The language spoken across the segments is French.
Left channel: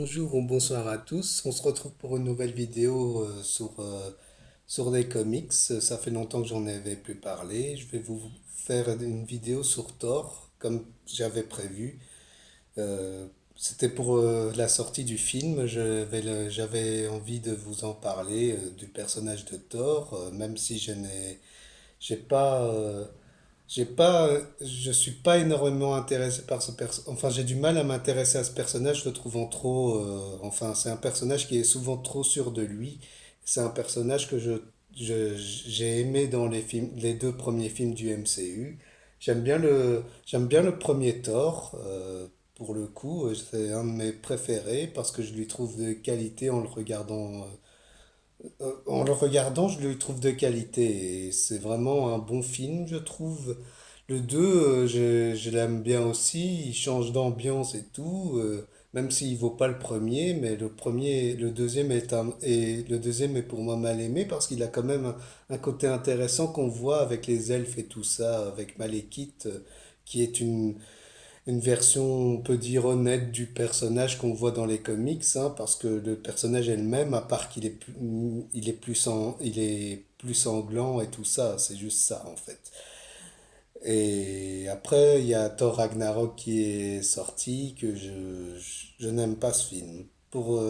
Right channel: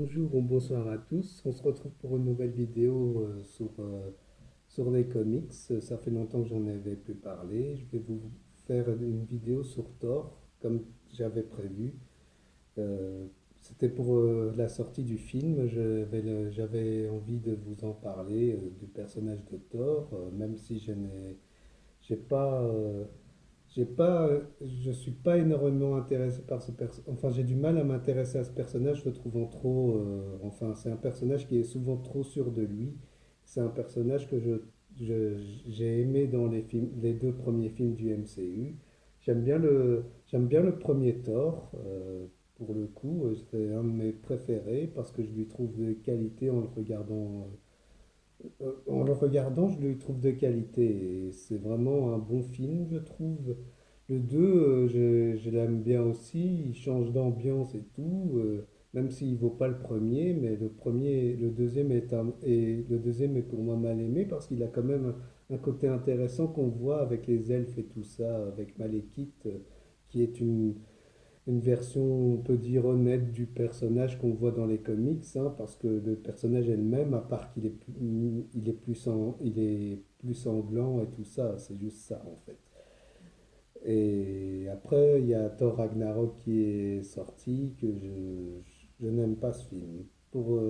Bonjour ou bonsoir à tous. On se retrouve pour une nouvelle vidéo sur les comics. Ça fait longtemps que j'en avais plus parlé. Je vais vous faire une vidéo sur Thor, comme j'avais prévu. Euh, C'était pour la sortie du film. J'avais envie de vous en parler du personnage de Thor, même si j'ai pas, je suis pas énormément intéressé par ce personnage. Enfin, j'ai du mal à m'intéresser à ce personnage, le trouvant trop. Enfin, c'est un personnage qui est souvent trop sûr de lui. C'est un personnage que j'ai aimé dans les films, les deux premiers films du MCU. J'aime bien le premier Thor. Pour le coup, c'est un de mes préférés parce que je lui trouve de qualité en le regardant. En le regardant, je lui trouve de qualité et c'est vraiment un bon film, je trouve. Le 2 je l'aime bien aussi, il change d'ambiance et tout, même s'il vaut pas le premier, mais le deuxième et le deuxième est pour moi mal aimé parce qu'il a quand même un côté intéressant qu'on voit avec les elfes et tout ça, avec Malekith, qui est une version, on peut dire, honnête du personnage qu'on voit dans les comics, hein, parce que le personnage elle-même, à part il est plus sanglant et tout ça, c'est juste ça en fait. Et après, il y a Thor Ragnarok qui est sorti, je n'aime pas ce film. Pour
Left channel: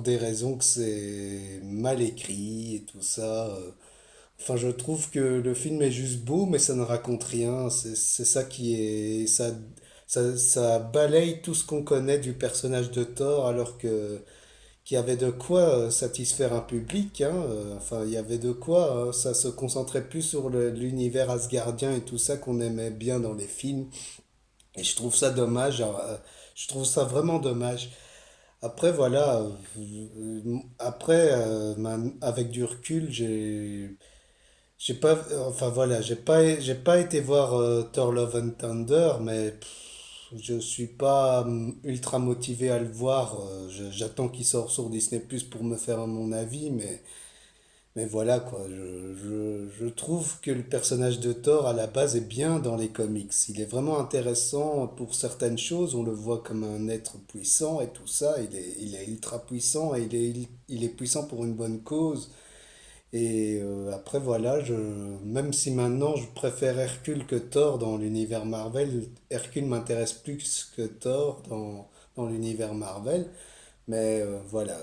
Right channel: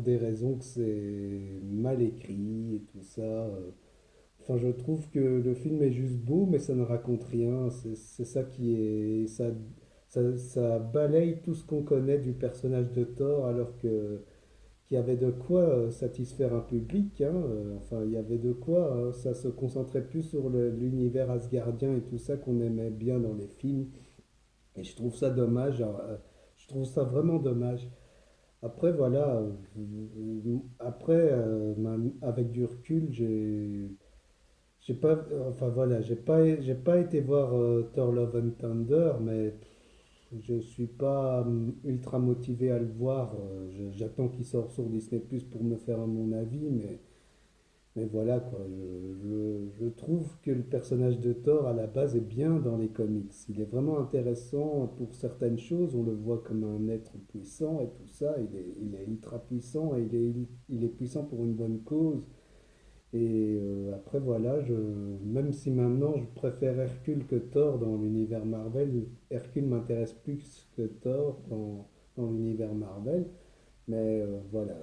des raisons que c'est mal écrit et tout ça. Enfin, je trouve que le film est juste beau, mais ça ne raconte rien. C'est ça qui est. Ça balaye tout ce qu'on connaît du personnage de Thor, alors que qu'il y avait de quoi satisfaire un public, hein. Enfin, il y avait de quoi. Ça se concentrait plus sur l'univers asgardien et tout ça qu'on aimait bien dans les films. Et je trouve ça dommage. Je trouve ça vraiment dommage. Après, voilà. Après, avec du recul, j'ai pas, enfin voilà, j'ai pas été voir Thor Love and Thunder, mais je suis pas ultra motivé à le voir. J'attends qu'il sorte sur Disney Plus pour me faire mon avis, mais voilà quoi. Je trouve que le personnage de Thor à la base est bien dans les comics. Il est vraiment intéressant pour certaines choses. On le voit comme un être puissant et tout ça. Il est ultra puissant et il est puissant pour une bonne cause. Et après, voilà, même si maintenant je préfère Hercule que Thor dans l'univers Marvel, Hercule m'intéresse plus que Thor dans l'univers Marvel. Mais voilà,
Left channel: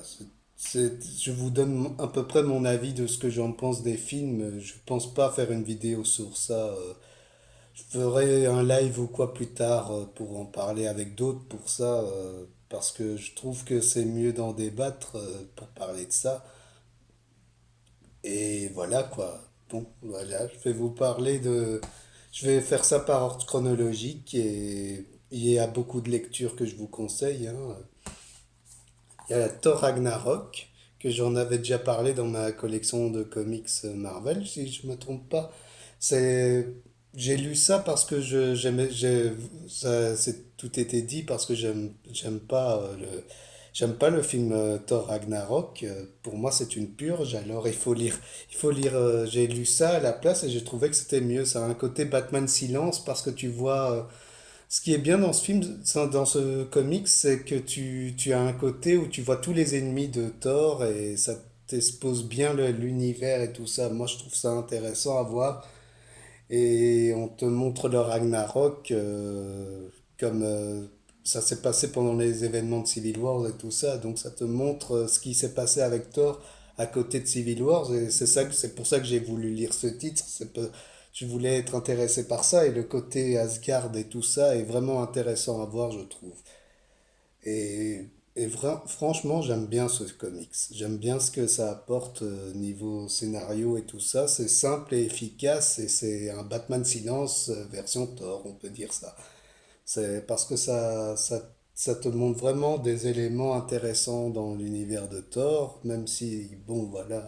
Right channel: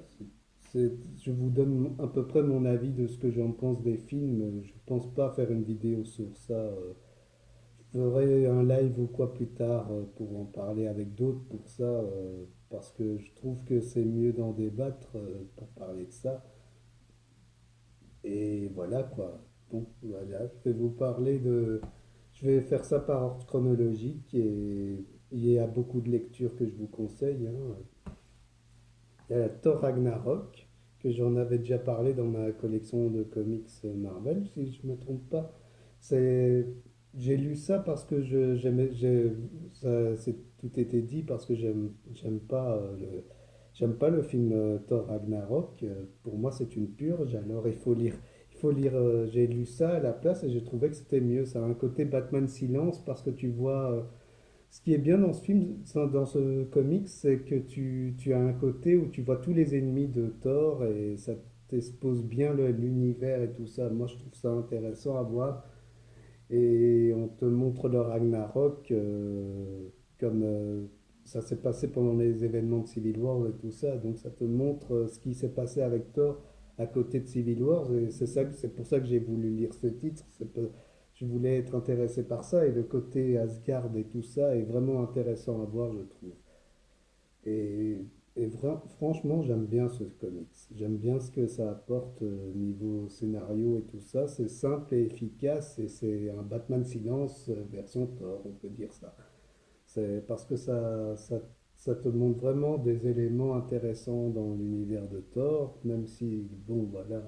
je vous donne à peu près mon avis de ce que j'en pense des films. Je pense pas faire une vidéo sur ça. Je ferai un live ou quoi plus tard pour en parler avec d'autres pour ça, parce que je trouve que c'est mieux d'en débattre pour parler de ça. Et voilà quoi. Bon, voilà, je vais vous parler de... Je vais faire ça par ordre chronologique et il y a beaucoup de lectures que je vous conseille, hein. Il y a Thor Ragnarok, que j'en avais déjà parlé dans ma collection de comics Marvel, si je me trompe pas. C'est... J'ai lu ça parce que tout était dit parce que j'aime pas le film Thor Ragnarok. Pour moi, c'est une purge. Alors, j'ai lu ça à la place et j'ai trouvé que c'était mieux. Ça a un côté Batman Silence parce que tu vois. Ce qui est bien dans ce film, dans ce comics, c'est que tu as un côté où tu vois tous les ennemis de Thor et ça t'expose bien l'univers et tout ça. Moi, je trouve ça intéressant à voir. Et on te montre le Ragnarok comme ça s'est passé pendant les événements de Civil War et tout ça. Donc ça te montre ce qui s'est passé avec Thor à côté de Civil War. Et c'est pour ça que j'ai voulu lire ce titre. Je voulais être intéressé par ça et le côté Asgard et tout ça est vraiment intéressant à voir, je trouve. Et, franchement, j'aime bien ce comics. J'aime bien ce que ça apporte niveau scénario et tout ça. C'est simple et efficace et c'est un Batman Silence version Thor, on peut dire ça. C'est parce que ça te montre vraiment des éléments intéressants dans l'univers de Thor, même si, bon, voilà,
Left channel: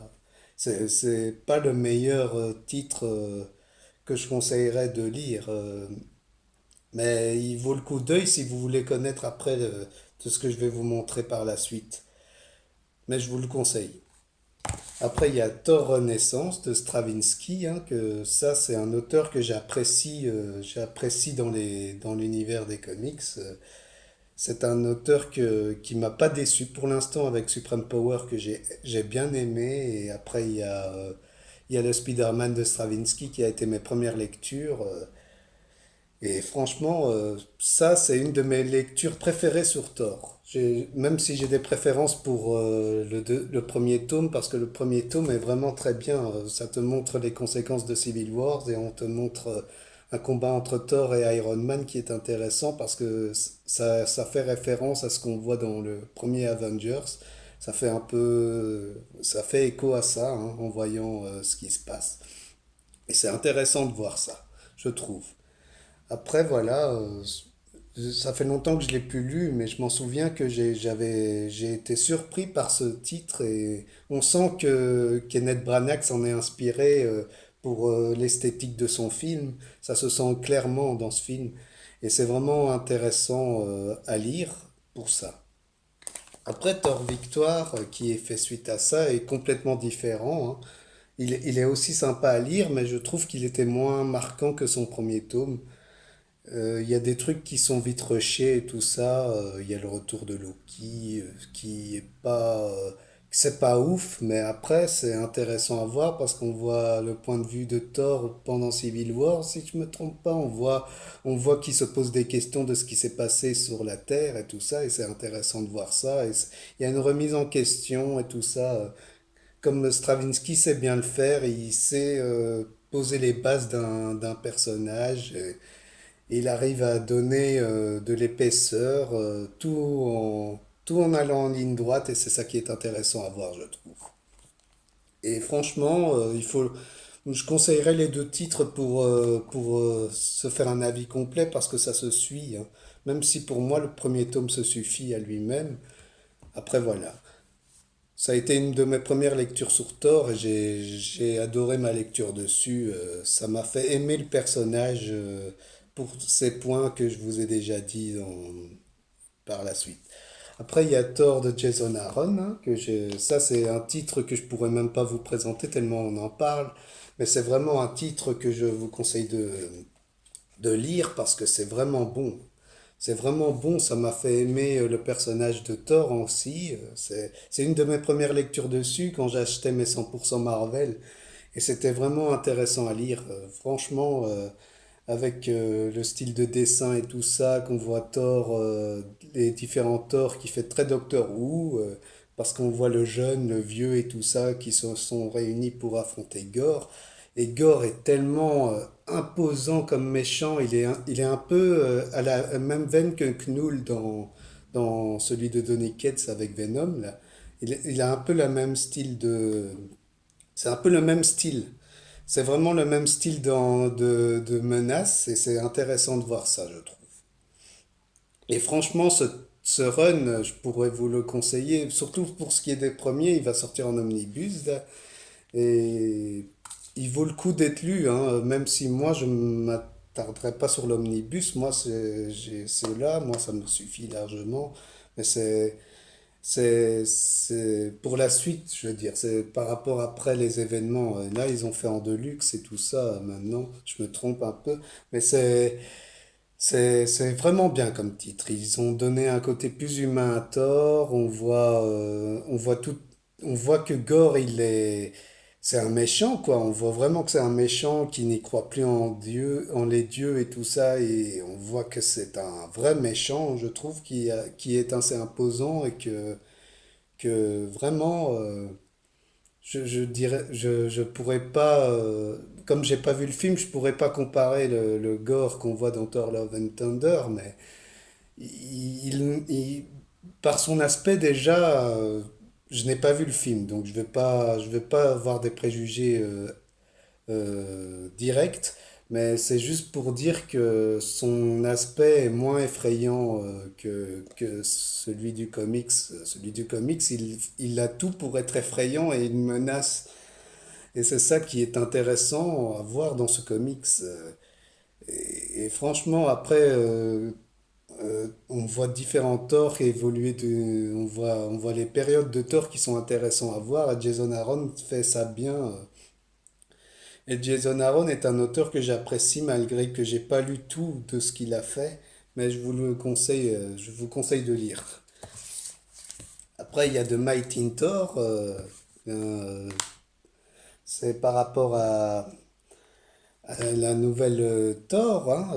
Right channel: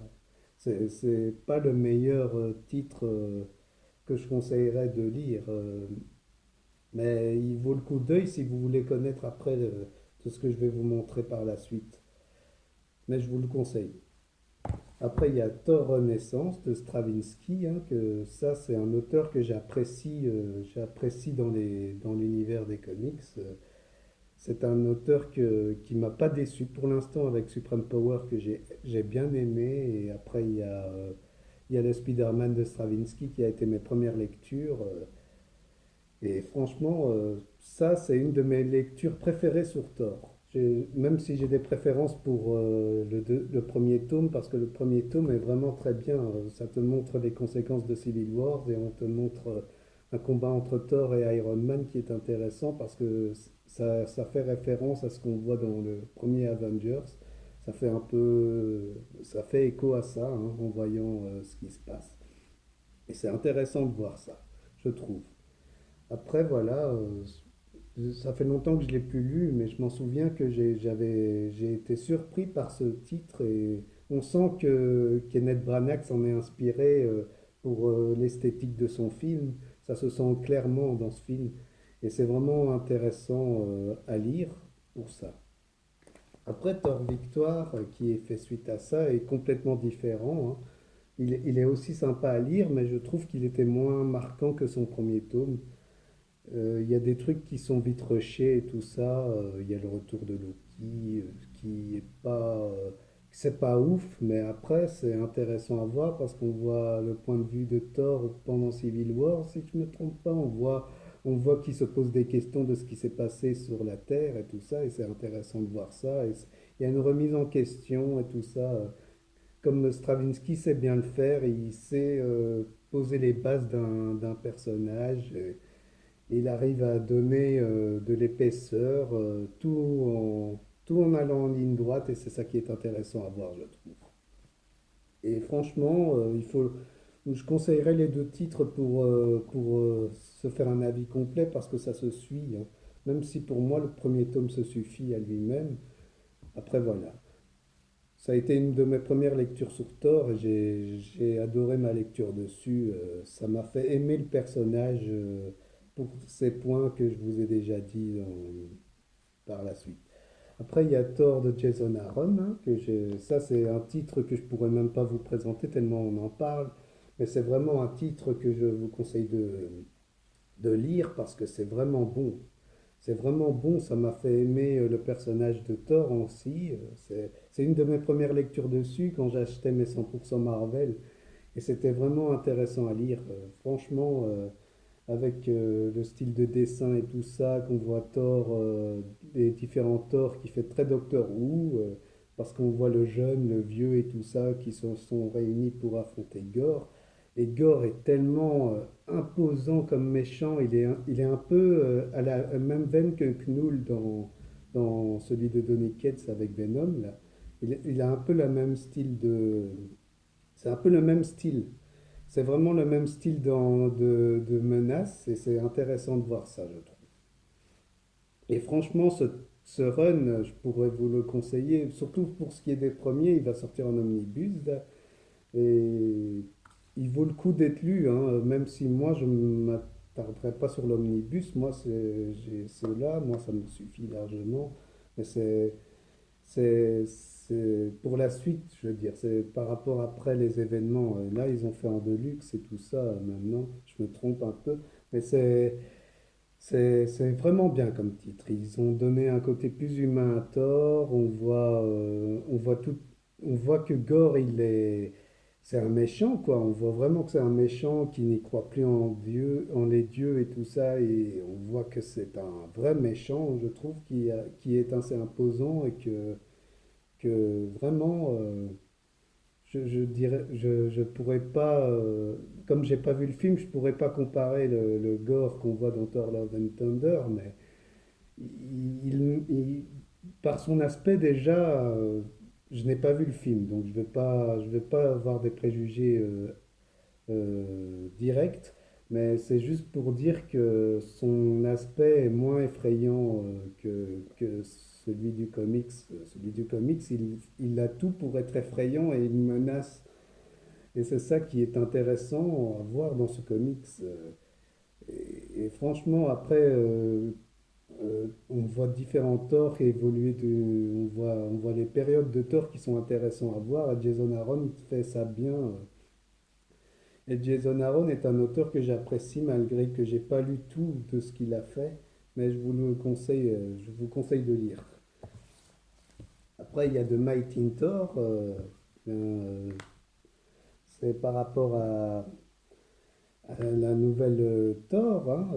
c'est pas le meilleur titre que je conseillerais de lire. Mais il vaut le coup d'œil si vous voulez connaître après de ce que je vais vous montrer par la suite. Mais je vous le conseille. Après, il y a Thor Renaissance de Stravinsky, hein, que ça, c'est un auteur que j'apprécie dans l'univers des comics. C'est un auteur qui m'a pas déçu pour l'instant avec Supreme Power que j'ai bien aimé. Et après, il y a le Spider-Man de Stravinsky qui a été mes premières lectures. Et franchement, ça, c'est une de mes lectures préférées sur Thor. Même si j'ai des préférences pour le premier tome, parce que le premier tome est vraiment très bien. Ça te montre les conséquences de Civil Wars et on te montre un combat entre Thor et Iron Man qui est intéressant parce que ça fait référence à ce qu'on voit dans le premier Avengers. Ça fait un peu, ça fait écho à ça hein, en voyant ce qui se passe. Et c'est intéressant de voir ça, je trouve. Après, voilà, ça fait longtemps que je l'ai plus lu, mais je m'en souviens que j'ai été surpris par ce titre et on sent que Kenneth Branagh s'en est inspiré pour l'esthétique de son film. Ça se sent clairement dans ce film et c'est vraiment intéressant à lire pour ça. Après, Thor Victoire, qui est fait suite à ça, est complètement différent, hein. Il est aussi sympa à lire, mais je trouve qu'il était moins marquant que son premier tome. Il y a des trucs qui sont vite rushés et tout ça. Il y a le retour de Loki qui est pas, c'est pas ouf, mais après c'est intéressant à voir parce qu'on voit le point de vue de Thor pendant Civil War, si je me trompe pas. On voit qu'il se pose des questions de ce qui s'est passé sur la Terre et tout ça, et c'est intéressant de voir ça. Il y a une remise en question et tout ça. Comme Stravinsky sait bien le faire, il sait poser les bases d'un personnage. Et il arrive à donner de l'épaisseur, tout en allant en ligne droite, et c'est ça qui est intéressant à voir, je trouve. Et franchement, je conseillerais les deux titres pour se faire un avis complet parce que ça se suit, hein. Même si pour moi le premier tome se suffit à lui-même. Après voilà. Ça a été une de mes premières lectures sur Thor et j'ai adoré ma lecture dessus. Ça m'a fait aimer le personnage pour ces points que je vous ai déjà dit par la suite. Après, il y a Thor de Jason Aaron, hein, ça c'est un titre que je pourrais même pas vous présenter tellement on en parle. Mais c'est vraiment un titre que je vous conseille de lire parce que c'est vraiment bon. C'est vraiment bon, ça m'a fait aimer le personnage de Thor aussi. C'est une de mes premières lectures dessus quand j'achetais mes 100% Marvel. Et c'était vraiment intéressant à lire. Franchement, avec le style de dessin et tout ça, qu'on voit Thor, les différents Thor qui fait très Doctor Who, parce qu'on voit le jeune, le vieux et tout ça qui se sont réunis pour affronter Gore. Et Gore est tellement imposant comme méchant, il est un peu à la même veine que Knull dans celui de Donny Cates avec Venom, là. Il a un peu le même style de... C'est un peu le même style. C'est vraiment le même style de menace et c'est intéressant de voir ça, je trouve. Et franchement, ce run, je pourrais vous le conseiller, surtout pour ce qui est des premiers, il va sortir en omnibus là, et il vaut le coup d'être lu, hein, même si moi je ne m'attarderai pas sur l'omnibus, moi c'est là, moi ça me suffit largement, mais c'est pour la suite, je veux dire, c'est par rapport après les événements. Là, ils ont fait en deluxe et tout ça maintenant, je me trompe un peu, mais c'est vraiment bien comme titre. Ils ont donné un côté plus humain à Thor, on voit que Gore, c'est un méchant, quoi. On voit vraiment que c'est un méchant qui n'y croit plus en Dieu, en les dieux et tout ça, et on voit que c'est un vrai méchant, je trouve, qui est assez imposant et que vraiment, je dirais, je pourrais pas, comme j'ai pas vu le film, je pourrais pas comparer le gore qu'on voit dans Thor Love and Thunder, mais par son aspect déjà, je n'ai pas vu le film, donc je vais pas avoir des préjugés direct, mais c'est juste pour dire que son aspect est moins effrayant que celui du comics. Celui du comics, il a tout pour être effrayant et une menace. Et c'est ça qui est intéressant à voir dans ce comics. Et franchement, après, on voit différents torts évoluer on voit les périodes de torts qui sont intéressants à voir. Et Jason Aaron fait ça bien. Et Jason Aaron est un auteur que j'apprécie malgré que j'ai pas lu tout de ce qu'il a fait. mais je vous conseille de lire. Après, il y a The Mighty Thor, euh, c'est par rapport à la nouvelle Thor, hein,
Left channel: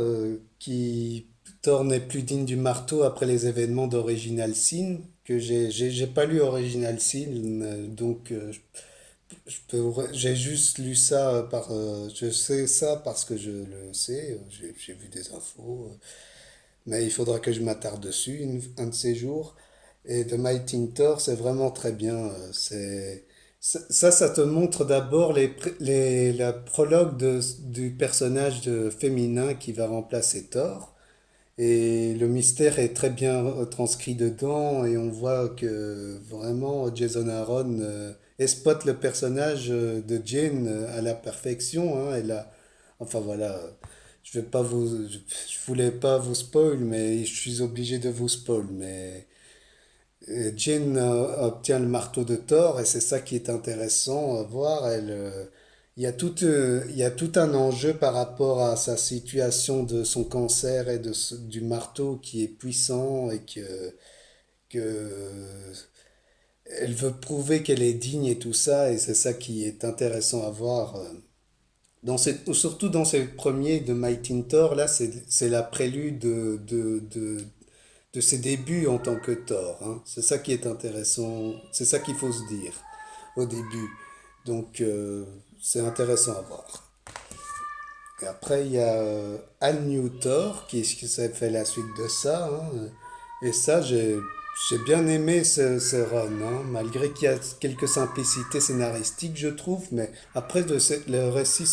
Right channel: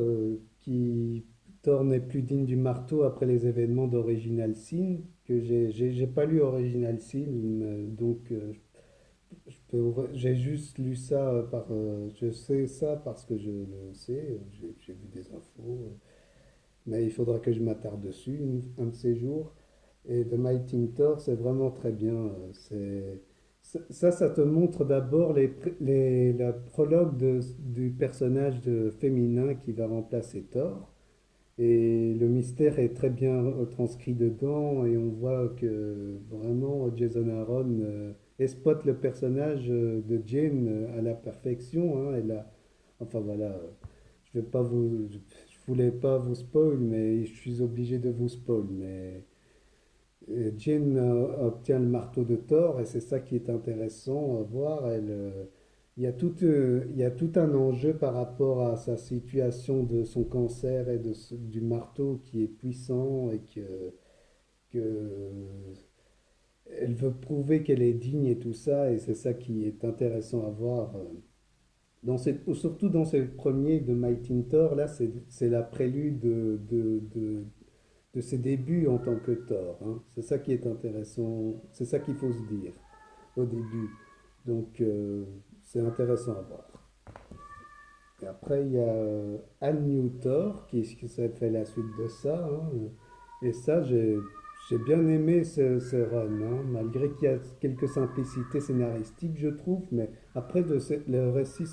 qui Thor n'est plus digne du marteau après les événements d'Original Sin, que j'ai pas lu Original Sin, donc j'ai juste lu ça je sais ça parce que je le sais, j'ai vu des infos, mais il faudra que je m'attarde dessus un de ces jours. Et The Mighty Thor, c'est vraiment très bien. Ça te montre d'abord la prologue du personnage féminin qui va remplacer Thor. Et le mystère est très bien transcrit dedans et on voit que vraiment Jason Aaron exploite le personnage de Jane à la perfection, hein. Enfin voilà, je voulais pas vous spoil, mais je suis obligé de vous spoil. Mais Jane obtient le marteau de Thor et c'est ça qui est intéressant à voir. Il y a tout un enjeu par rapport à sa situation de son cancer et du marteau qui est puissant et que elle veut prouver qu'elle est digne et tout ça et c'est ça qui est intéressant à voir. Surtout dans ces premiers de Mighty Thor, là c'est la prélude de ses débuts en tant que Thor, hein. C'est ça qui est intéressant, c'est ça qu'il faut se dire au début. Donc c'est intéressant à voir. Et après il y a All New Thor qui s'est fait la suite de ça, hein. Et ça j'ai bien aimé ce run, hein, malgré qu'il y a quelques simplicités scénaristiques je trouve, mais après le récit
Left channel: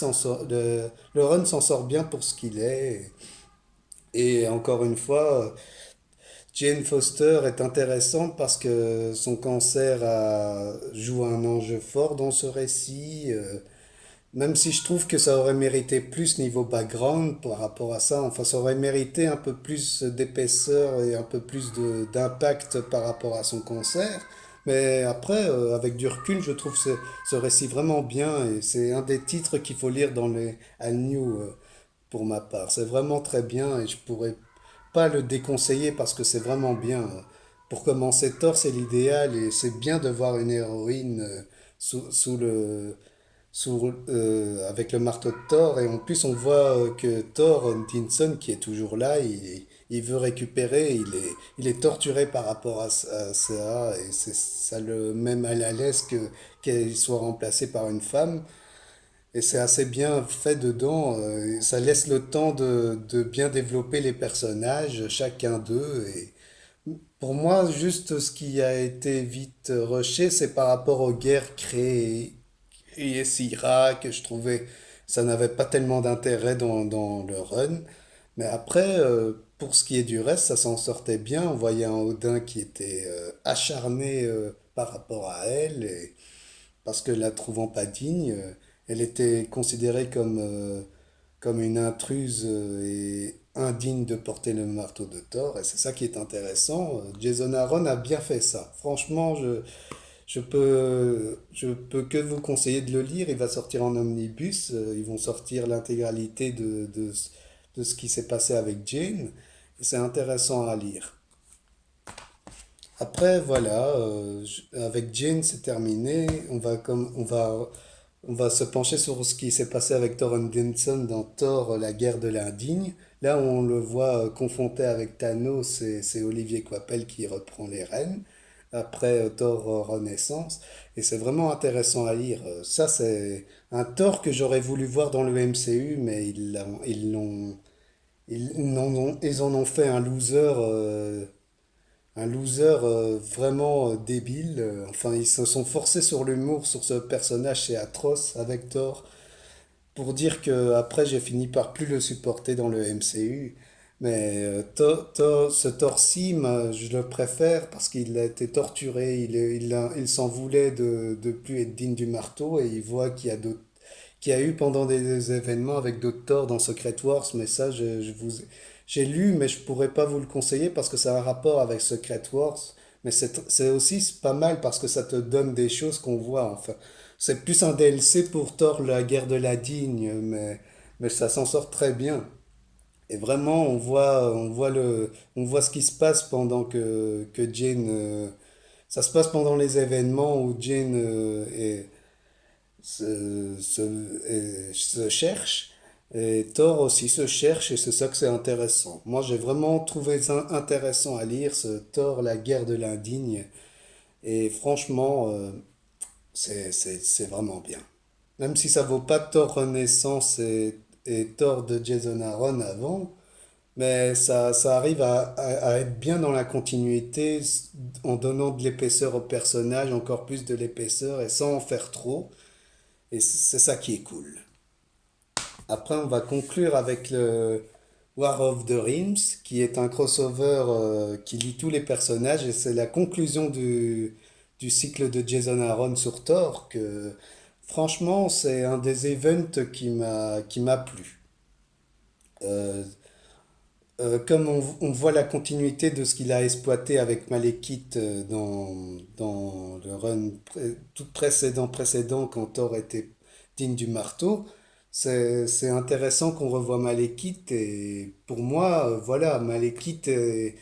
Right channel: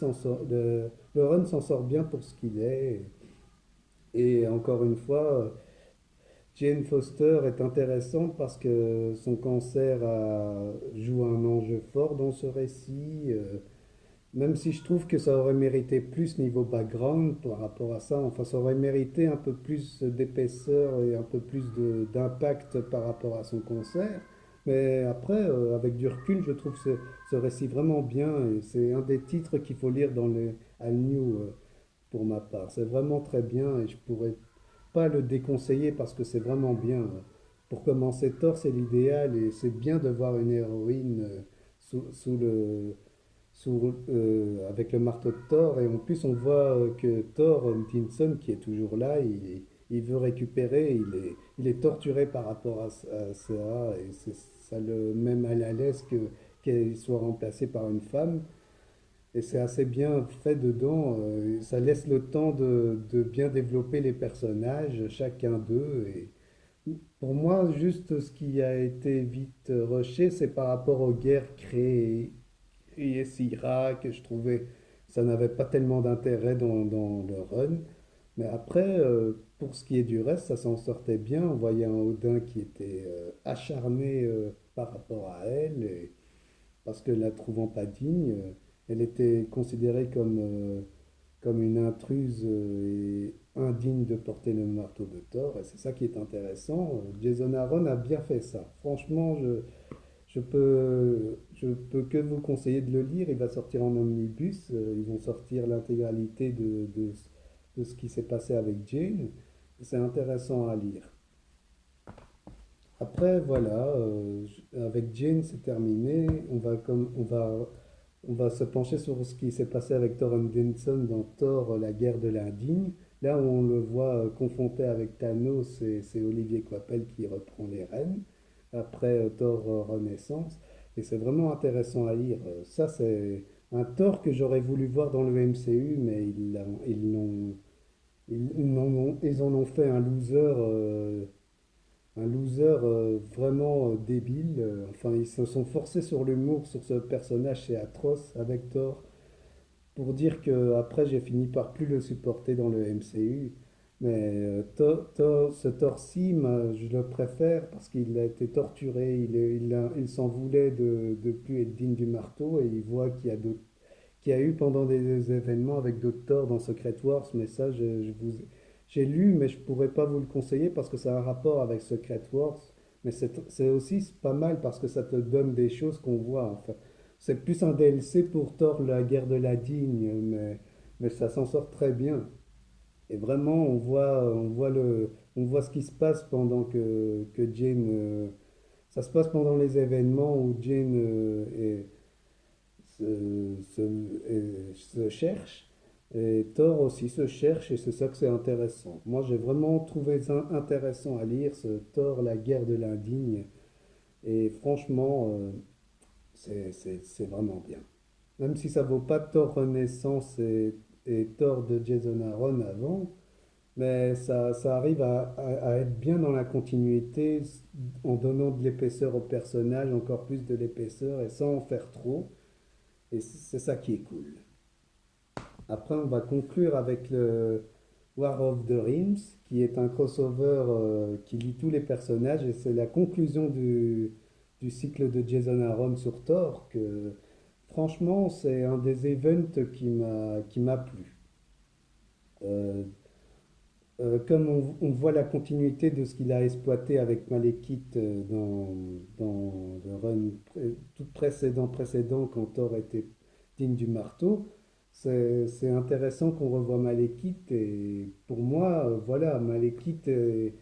le run s'en sort bien pour ce qu'il est. Et encore une fois, Jane Foster est intéressante parce que son joue un enjeu fort dans ce récit, même si je trouve que ça aurait mérité plus niveau background par rapport à ça. Enfin, ça aurait mérité un peu plus d'épaisseur et un peu plus d'impact par rapport à son cancer. Mais après, avec du recul, je trouve ce récit vraiment bien et c'est un des titres qu'il faut lire dans les All New pour ma part. C'est vraiment très bien et je pourrais pas le déconseiller parce que c'est vraiment bien. Pour commencer, Thor, c'est l'idéal et c'est bien de voir une héroïne avec le marteau de Thor. Et en plus, on voit que Thor, Odinson, qui est toujours là, il veut récupérer, il est torturé par rapport à ça et ça le met mal à l'aise qu'il soit remplacé par une femme. Et c'est assez bien fait dedans. Ça laisse le temps de bien développer les personnages, chacun d'eux. Et pour moi, juste ce qui a été vite rushé, c'est par rapport aux guerres créées IS-Irak, que je trouvais ça n'avait pas tellement d'intérêt dans le run. Mais après, pour ce qui est du reste, ça s'en sortait bien. On voyait un Odin qui était acharné par rapport à elle. Et parce que la trouvant pas digne, elle était considérée comme une intruse et indigne de porter le marteau de Thor. Et c'est ça qui est intéressant. Jason Aaron a bien fait ça. Franchement, je peux que vous conseiller de le lire. Il va sortir en omnibus. Ils vont sortir l'intégralité de ce qui s'est passé avec Jane. Et c'est intéressant à lire. Après, voilà, avec Jane, c'est terminé. On va se pencher sur ce qui s'est passé avec Thor Odinson dans Thor, la guerre de l'indigne. Là, on le voit confronté avec Thanos et c'est Olivier Coipel qui reprend les rênes après Thor Renaissance. Et c'est vraiment intéressant à lire. Ça, c'est un Thor que j'aurais voulu voir dans le MCU, mais ils en ont fait un loser vraiment débile. Enfin, ils se sont forcés sur l'humour sur ce personnage, c'est atroce avec Thor. Pour dire que après j'ai fini par plus le supporter dans le MCU. Mais ce Thor-ci, je le préfère parce qu'il a été torturé, il s'en voulait de plus être digne du marteau et il voit qu'il y a eu pendant des événements avec d'autres Thor dans Secret Wars, mais ça j'ai lu mais je pourrais pas vous le conseiller parce que ça a un rapport avec Secret Wars, mais c'est aussi pas mal parce que ça te donne des choses qu'on voit enfin. C'est plus un DLC pour Thor, la guerre de la Digne, mais ça s'en sort très bien. Et vraiment, on voit ce qui se passe pendant que Jane, ça se passe pendant les événements où Jane se cherche. Et Thor aussi se cherche et c'est ça que c'est intéressant. Moi, j'ai vraiment trouvé ça intéressant à lire, ce Thor, la guerre de l'indigne. Et franchement, c'est vraiment bien. Même si ça vaut pas Thor Renaissance et Thor de Jason Aaron avant, mais ça arrive à être bien dans la continuité en donnant de l'épaisseur au personnage, encore plus de l'épaisseur et sans en faire trop. Et c'est ça qui est cool. Après, on va conclure avec le War of the Realms, qui est un crossover qui lie tous les personnages et c'est la conclusion du cycle de Jason Aaron sur Thor que franchement, c'est un des events qui m'a plu. Euh, comme on voit la continuité de ce qu'il a exploité avec Malekith dans le run tout précédent quand Thor était digne du marteau, c'est intéressant qu'on revoie Malekith et pour moi, voilà, Malekith est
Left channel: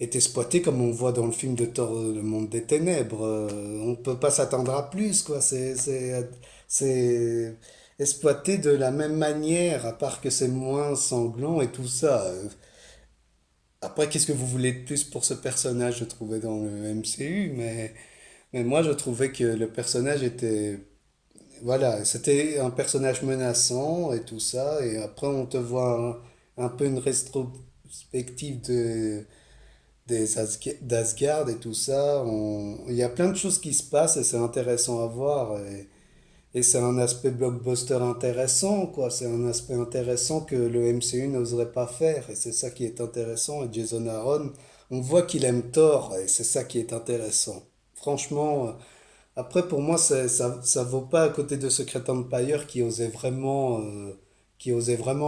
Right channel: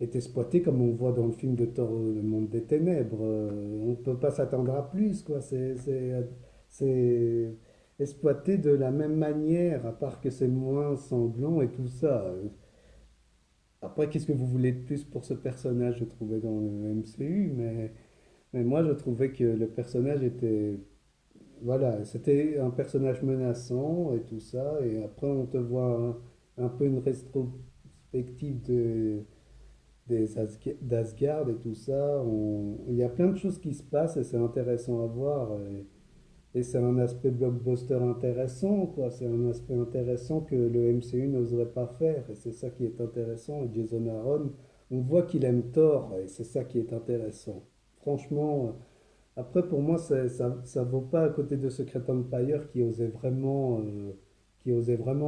exploité comme on voit dans le film de Thor, le monde des ténèbres. On ne peut pas s'attendre à plus, quoi. C'est exploité de la même manière, à part que c'est moins sanglant et tout ça. Après, qu'est-ce que vous voulez de plus pour ce personnage, je trouvais dans le MCU, mais moi, je trouvais que le personnage était... Voilà, c'était un personnage menaçant et tout ça, et après, on te voit un peu une rétrospective d'Asgard et tout ça. Il y a plein de choses qui se passent et c'est intéressant à voir. Et c'est un aspect blockbuster intéressant, quoi. C'est un aspect intéressant que le MCU n'oserait pas faire. Et c'est ça qui est intéressant. Et Jason Aaron, on voit qu'il aime Thor. Et c'est ça qui est intéressant. Franchement, après, pour moi, ça vaut pas à côté de Secret Empire qui osait vraiment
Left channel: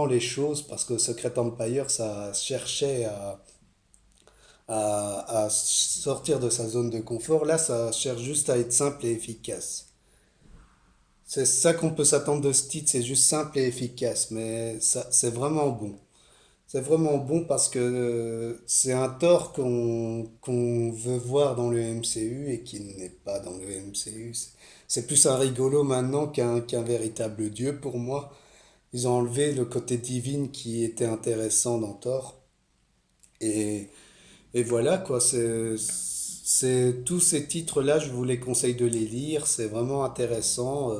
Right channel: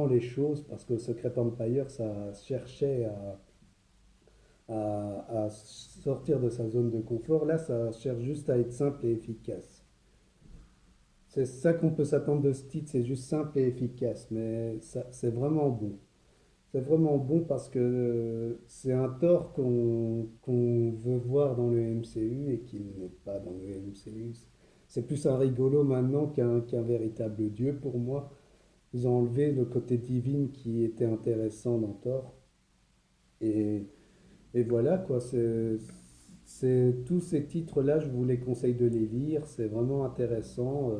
les choses. Parce que Secret Empire, ça cherchait à sortir de sa zone de confort. Là, ça cherche juste à être simple et efficace. C'est ça qu'on peut s'attendre de ce titre, c'est juste simple et efficace, mais ça, c'est vraiment bon. C'est vraiment bon parce que c'est un Thor qu'on veut voir dans le MCU et qui n'est pas dans le MCU. C'est plus un rigolo maintenant qu'un véritable dieu pour moi. Ils ont enlevé le côté divine qui était intéressant dans Thor. Et, et voilà quoi, tous ces titres-là, je vous les conseille de les lire, c'est vraiment intéressant.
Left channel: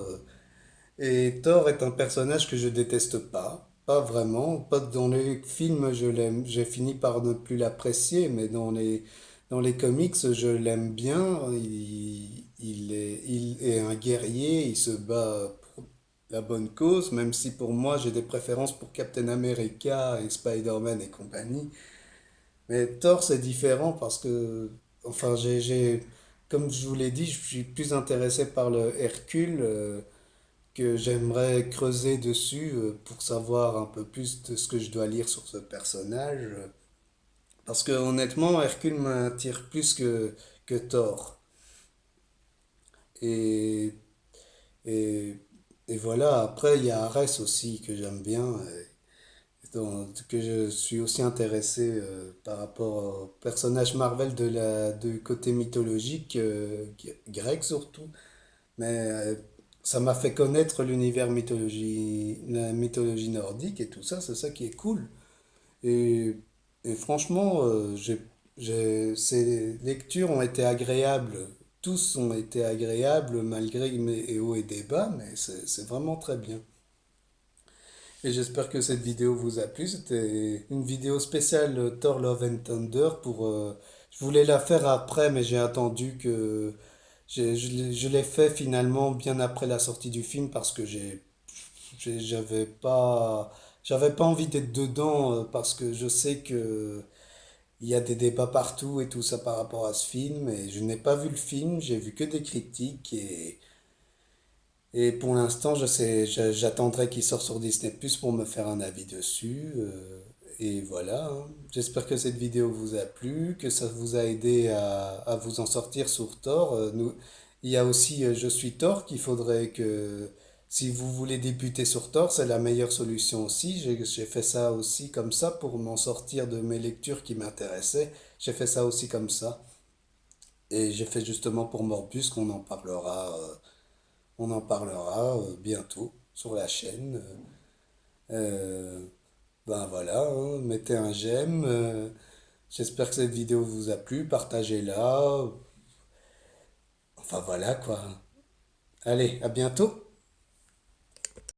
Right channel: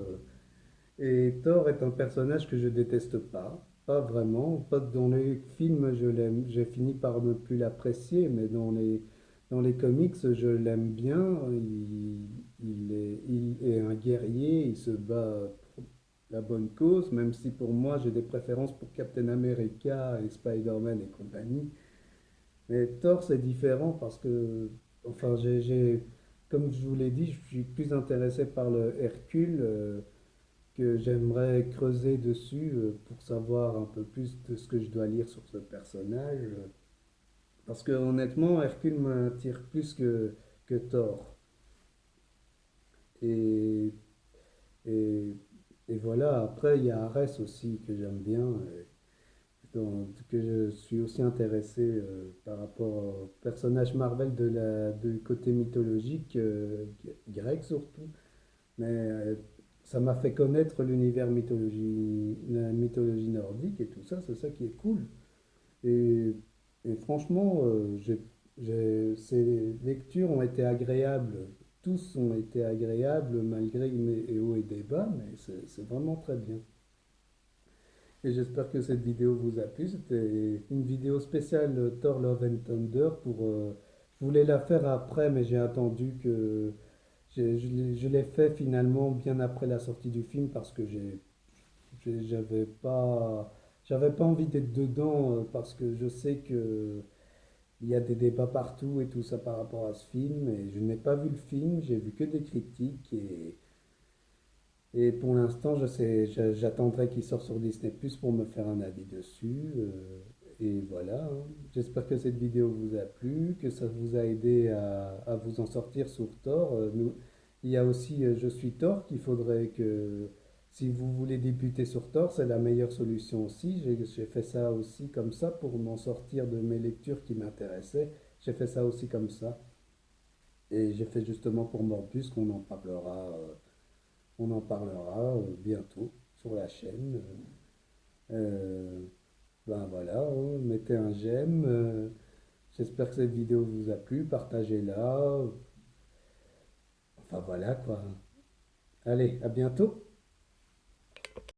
Et Thor est un personnage que je déteste pas, pas vraiment. Pas dans les films, je l'aime, j'ai fini par ne plus l'apprécier, mais dans les comics, je l'aime bien. Il est un guerrier, il se bat pour la bonne cause, même si pour moi j'ai des préférences pour Captain America et Spider-Man et compagnie. Mais Thor, c'est différent parce que, enfin, comme je vous l'ai dit, je suis plus intéressé par le Hercule. Que j'aimerais creuser dessus pour savoir un peu plus de ce que je dois lire sur ce personnage. Parce que honnêtement, Hercule m'attire plus que Thor. Et, et, et voilà, après il y a Ares aussi que j'aime bien, que je suis aussi intéressé par rapport au personnage Marvel du côté mythologique, grec surtout. Mais ça m'a fait connaître la mythologie nordique et tout ça, c'est ça qui est cool. Et, et franchement, ces lectures ont été agréables. Tous ont été agréables malgré mes hauts et des bas, mais c'est vraiment très bien. Et j'espère que cette vidéo vous a plu. C'était une vidéo spéciale Thor Love and Thunder je voulais la faire après, mais j'ai attendu que je l'ai fait finalement bien après la sortie du film parce que j'ai- j'avais pas envie d'être dedans parce que je sais que il y a des débats partout et tout ça par rapport à ce film et je n'ai pas vu le film, j'ai vu que des critiques et pour l'instant j'attendrai qu'il sorte sur Disney Plus pour me faire un avis dessus et voilà, hein. J'espère que cette vidéo vous a plu, que ça vous a aidé à vous en sortir sur Thor. Il y a aussi Je suis Thor qu'il faudrait Si vous voulez débuter sur Tor, c'est la meilleure solution aussi. J'ai fait ça aussi comme ça pour m'en sortir de mes lectures qui m'intéressaient. J'ai fait ça aussi comme ça. Et j'ai fait justement pour Morbus on en parlera bientôt sur la chaîne. Ben voilà, hein, mettez un j'aime. J'espère que cette vidéo vous a plu. Partagez-la. Enfin voilà quoi. Allez, à bientôt.